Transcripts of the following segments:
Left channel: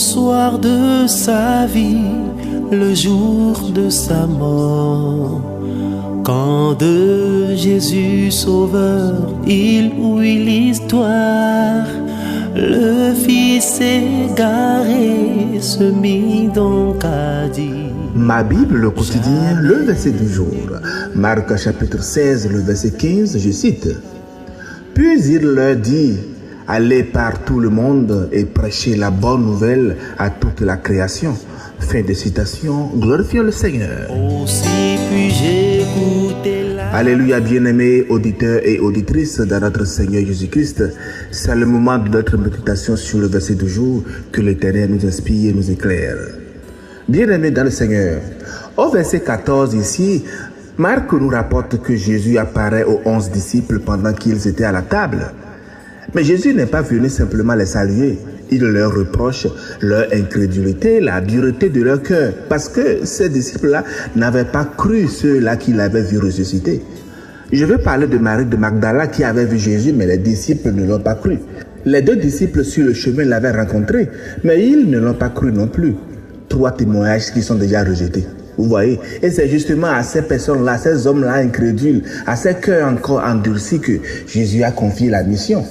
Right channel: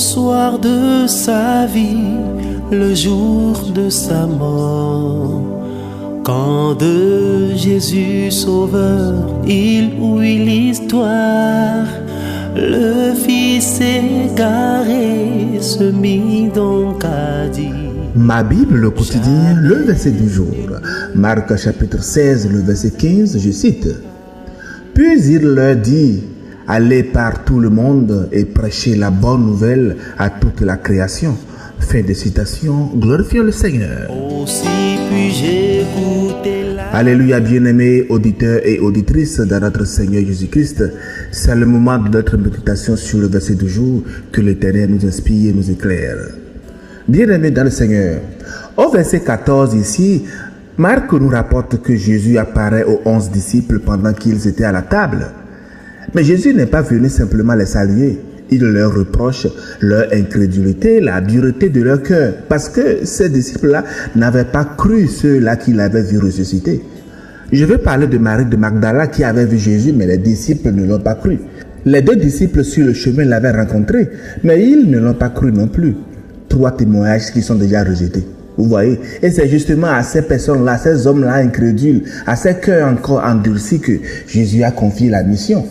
soir de sa vie, le jour de sa mort, quand de Jésus Sauveur il ouït l'histoire, le Fils égaré se mit donc à dire. Ma Bible, le quotidien, le verset du jour. Marc chapitre 16, le verset 15, je cite. Puis il leur dit, allez par tout le monde et prêchez la bonne nouvelle à toute la création. Fin de citation, glorifions le Seigneur. Aussi puis-je écouter la... Alléluia, bien-aimés auditeurs et auditrices de notre Seigneur Jésus-Christ. C'est le moment de notre méditation sur le verset du jour que l'Éternel nous inspire et nous éclaire. Bien-aimés dans le Seigneur, au verset 14 ici, Marc nous rapporte que Jésus apparaît aux 11 disciples pendant qu'ils étaient à la table. Mais Jésus n'est pas venu simplement les saluer. Il leur reproche leur incrédulité, la dureté de leur cœur, parce que ces disciples-là n'avaient pas cru ceux-là qui l'avaient vu ressusciter. Je veux parler de Marie de Magdala qui avait vu Jésus, mais les disciples ne l'ont pas cru. Les deux disciples sur le chemin l'avaient rencontré, mais ils ne l'ont pas cru non plus. 3 témoignages qui sont déjà rejetés. Vous voyez, et c'est justement à ces personnes-là, ces hommes-là incrédules, à ces cœurs encore endurcis que Jésus a confié la mission.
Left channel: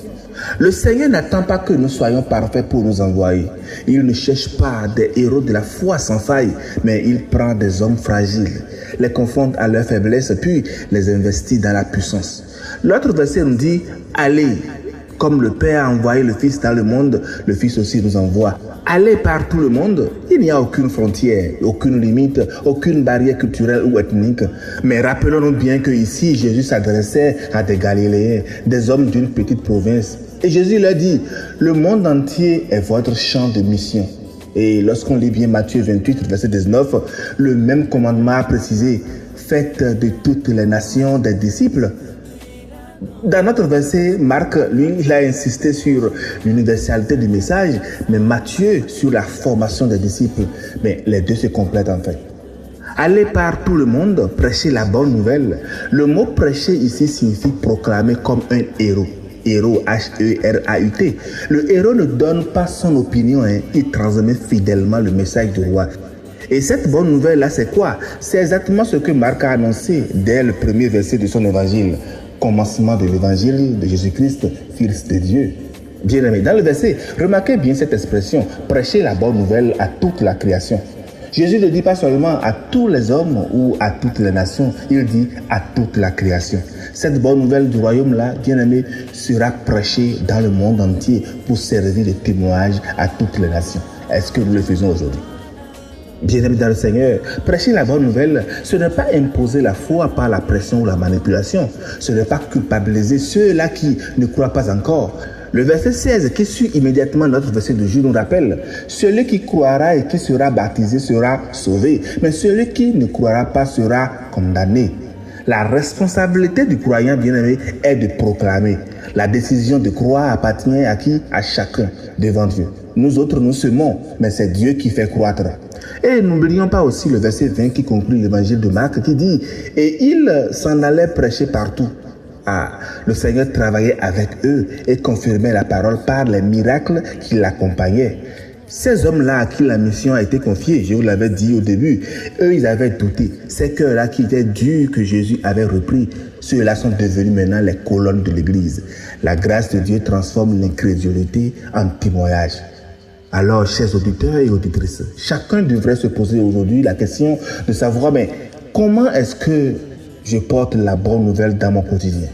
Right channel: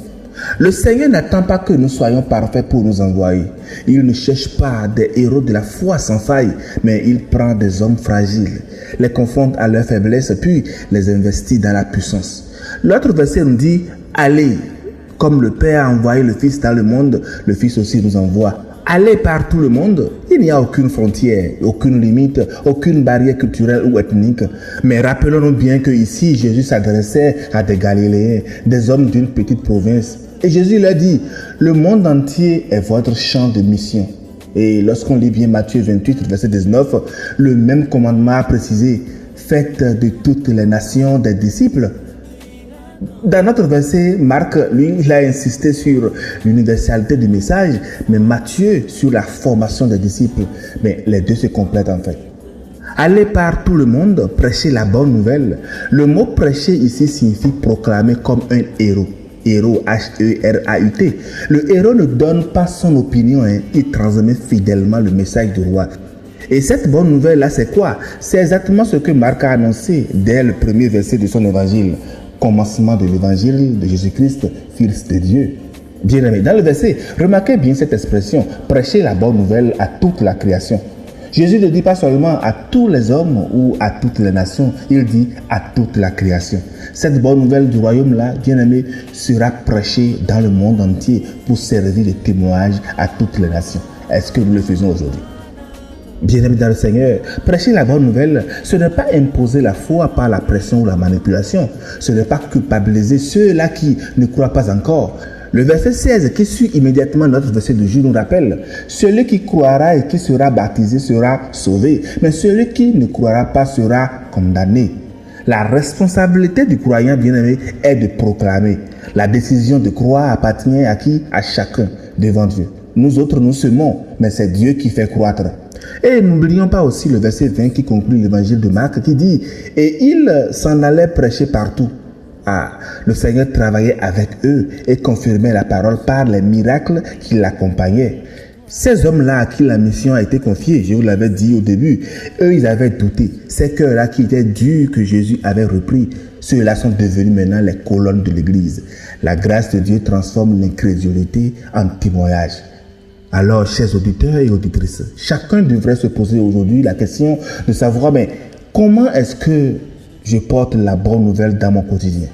Le Seigneur n'attend pas que nous soyons parfaits pour nous envoyer. Il ne cherche pas des héros de la foi sans faille, mais il prend des hommes fragiles, les confronte à leur faiblesse, puis les investit dans la puissance. L'autre verset nous dit, allez, comme le Père a envoyé le Fils dans le monde, le Fils aussi nous envoie. Allez par tout le monde, il n'y a aucune frontière, aucune limite, aucune barrière culturelle ou ethnique. Mais rappelons-nous bien que ici, Jésus s'adressait à des Galiléens, des hommes d'une petite province. Et Jésus leur dit, le monde entier est votre champ de mission. Et lorsqu'on lit bien Matthieu 28, verset 19, le même commandement a précisé, faites de toutes les nations des disciples. Dans notre verset, Marc, lui, il a insisté sur l'universalité du message, mais Matthieu sur la formation des disciples. Mais les deux se complètent en fait. Allez par tout le monde, prêcher la bonne nouvelle. Le mot prêcher ici signifie proclamer comme un héros. Héros, H-E-R-A-U-T. Le héros ne donne pas son opinion, il transmet fidèlement le message du roi. Et cette bonne nouvelle-là, c'est quoi? C'est exactement ce que Marc a annoncé dès le premier verset de son évangile. Commencement de l'évangile de Jésus-Christ, Fils de Dieu. Bien-aimé, dans le verset, remarquez bien cette expression, prêcher la bonne nouvelle à toute la création. Jésus ne dit pas seulement à tous les hommes ou à toutes les nations, il dit à toute la création. Cette bonne nouvelle du royaume-là, bien-aimé, sera prêchée dans le monde entier pour servir de témoignage à toutes les nations. Est-ce que nous le faisons aujourd'hui? Bien-aimés dans le Seigneur, prêcher la bonne nouvelle, ce n'est pas imposer la foi par la pression ou la manipulation. Ce n'est pas culpabiliser ceux-là qui ne croient pas encore. Le verset 16 qui suit immédiatement notre verset du jour nous rappelle, celui qui croira et qui sera baptisé sera sauvé, mais celui qui ne croira pas sera condamné. La responsabilité du croyant bien-aimé est de proclamer. La décision de croire appartient à qui? À chacun devant Dieu. Nous autres, nous semons, mais c'est Dieu qui fait croître. Et n'oublions pas aussi le verset 20 qui conclut l'évangile de Marc qui dit « Et il s'en allait prêcher partout. » Le Seigneur travaillait avec eux et confirmait la parole par les miracles qui l'accompagnaient. Ces hommes-là à qui la mission a été confiée, je vous l'avais dit au début, eux ils avaient douté. Ces cœurs-là qui étaient durs que Jésus avait repris, ceux-là sont devenus maintenant les colonnes de l'Église. La grâce de Dieu transforme l'incrédulité en témoignage. Alors, chers auditeurs et auditrices, chacun devrait se poser aujourd'hui la question de savoir, mais comment est-ce que je porte la bonne nouvelle dans mon quotidien?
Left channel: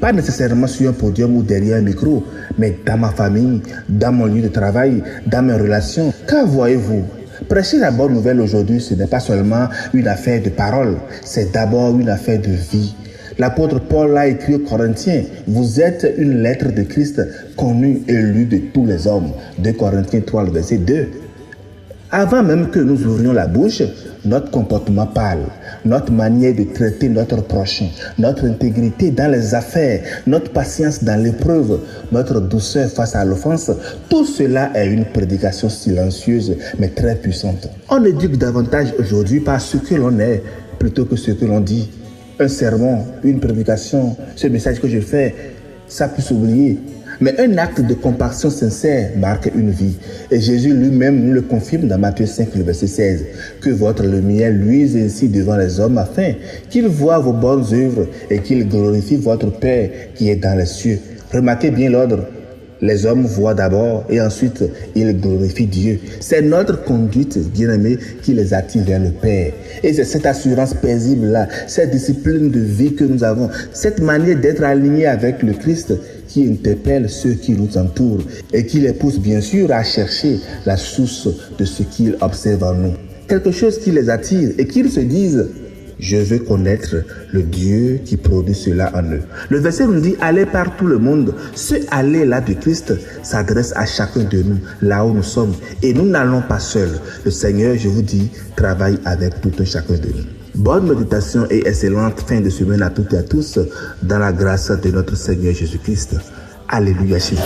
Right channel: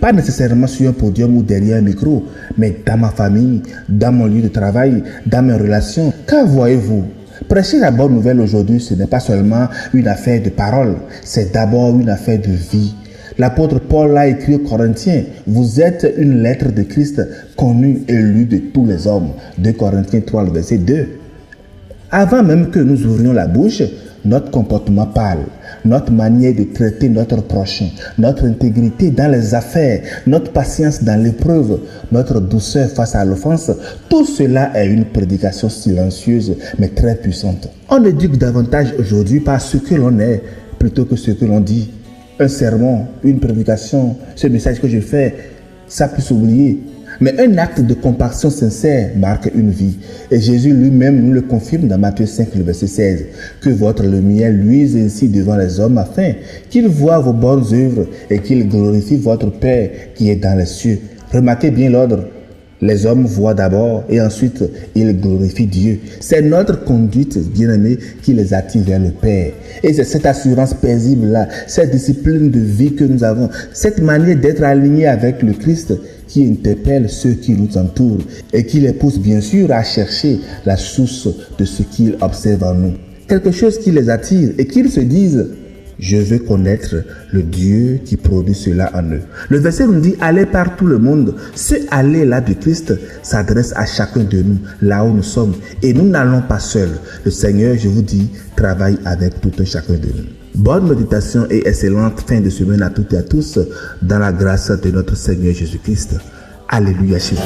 Pas nécessairement sur un podium ou derrière un micro, mais dans ma famille, dans mon lieu de travail, dans mes relations. Car voyez-vous, prêcher la bonne nouvelle aujourd'hui, ce n'est pas seulement une affaire de parole, c'est d'abord une affaire de vie. L'apôtre Paul a écrit aux Corinthiens, vous êtes une lettre de Christ connue et lue de tous les hommes. 2 Corinthiens 3, le verset 2. Avant même que nous ouvrions la bouche, notre comportement parle, notre manière de traiter notre prochain, notre intégrité dans les affaires, notre patience dans l'épreuve, notre douceur face à l'offense, tout cela est une prédication silencieuse mais très puissante. On éduque davantage aujourd'hui par ce que l'on est plutôt que ce que l'on dit. Un sermon, une prédication, ce message que je fais, ça peut s'oublier. Mais un acte de compassion sincère marque une vie. Et Jésus lui-même nous le confirme dans Matthieu 5, le verset 16. Que votre lumière luise ainsi devant les hommes afin qu'ils voient vos bonnes œuvres et qu'ils glorifient votre Père qui est dans les cieux. Remarquez bien l'ordre. Les hommes voient d'abord et ensuite ils glorifient Dieu. C'est notre conduite, bien-aimés, qui les attire vers le Père. Et c'est cette assurance paisible-là, cette discipline de vie que nous avons, cette manière d'être alignés avec le Christ qui interpelle ceux qui nous entourent et qui les pousse bien sûr à chercher la source de ce qu'ils observent en nous. Quelque chose qui les attire et qu'ils se disent: je veux connaître le Dieu qui produit cela en eux. Le verset nous dit: allez par tout le monde. Ce aller-là du Christ s'adresse à chacun de nous, là où nous sommes. Et nous n'allons pas seuls. Le Seigneur, je vous dis, travaille avec tout un chacun de nous. Bonne méditation et excellente fin de semaine à toutes et à tous, dans la grâce de notre Seigneur Jésus-Christ. Alléluia chez vous.